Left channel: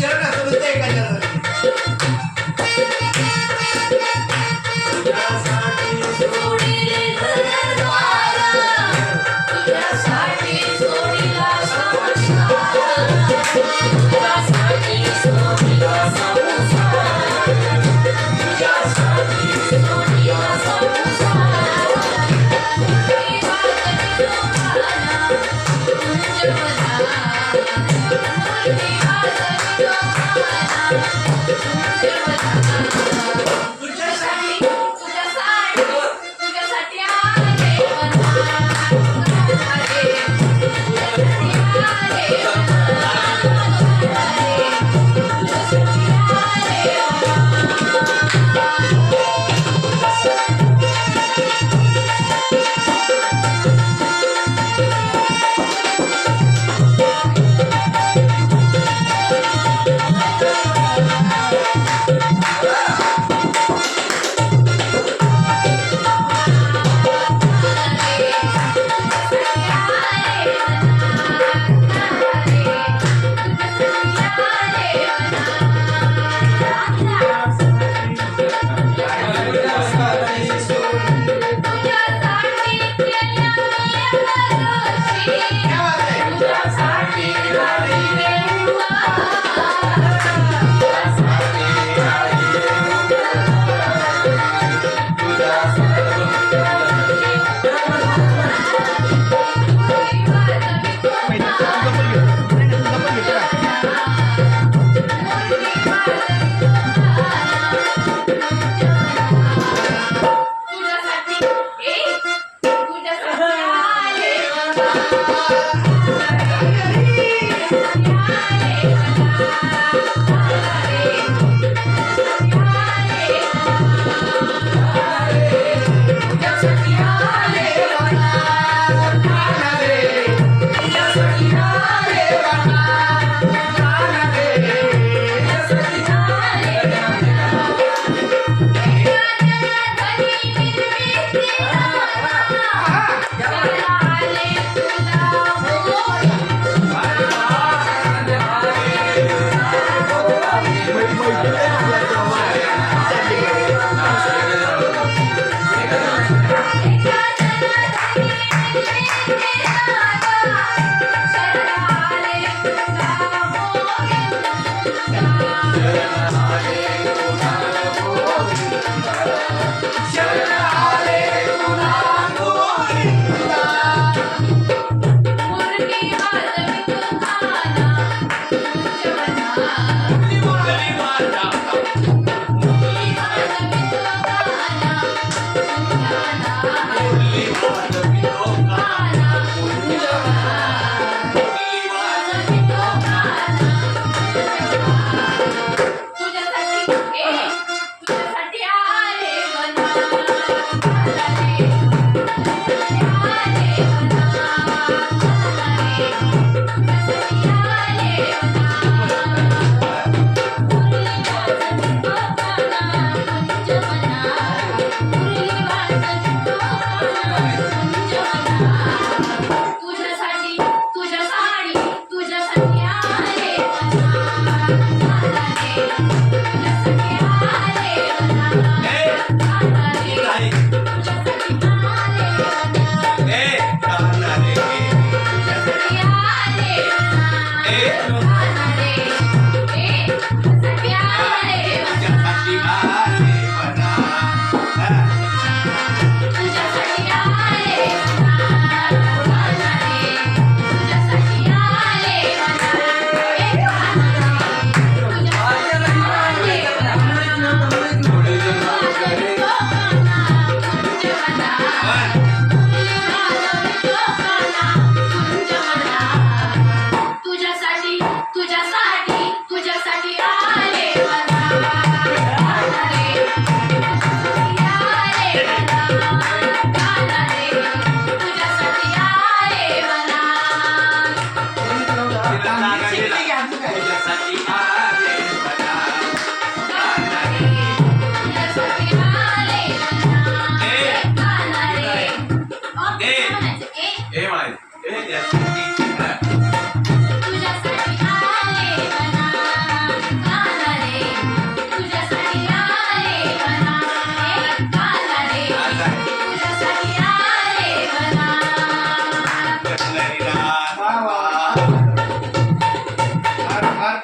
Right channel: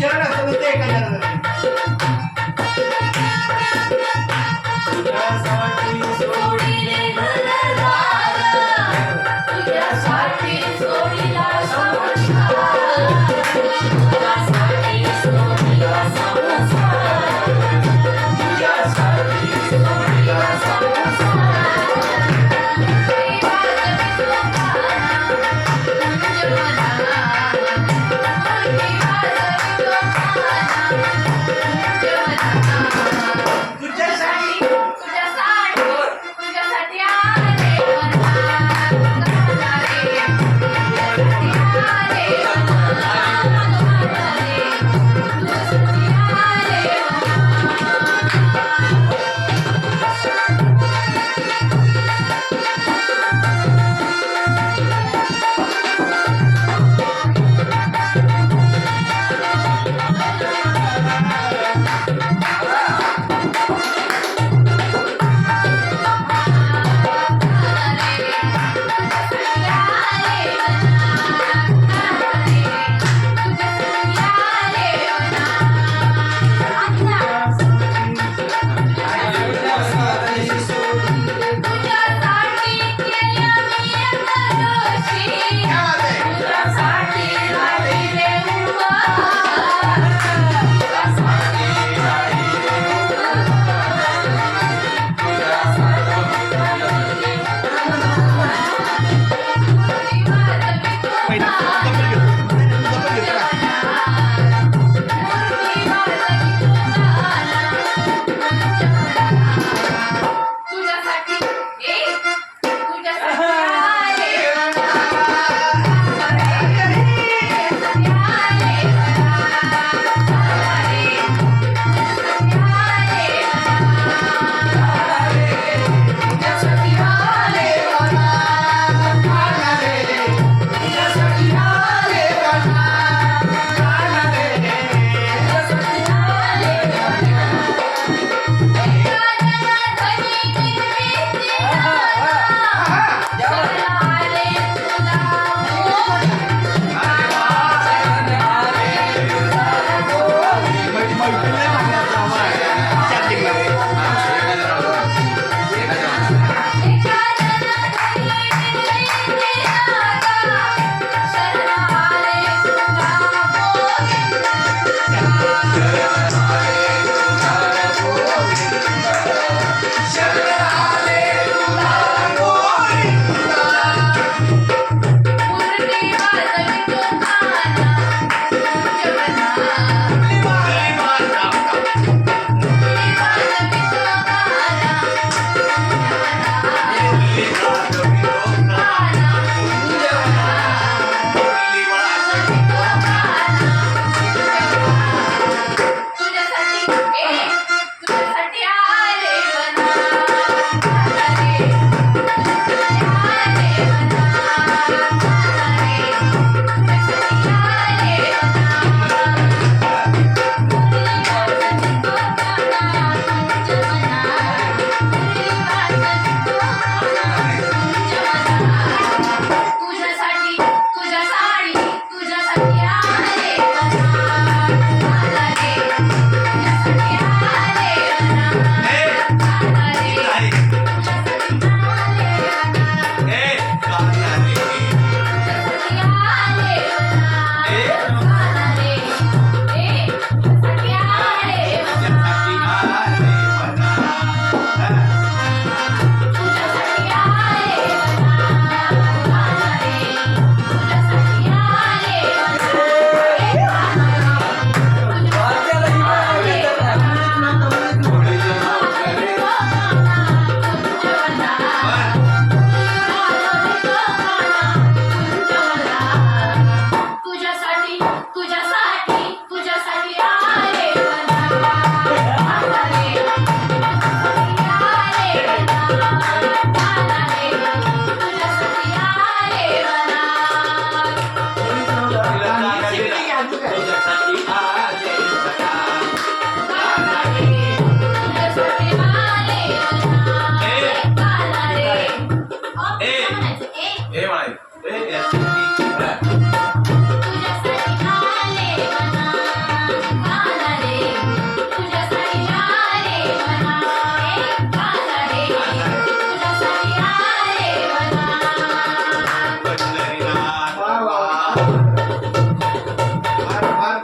ज्या साठी सोडिले सोन्याला ज्या साठी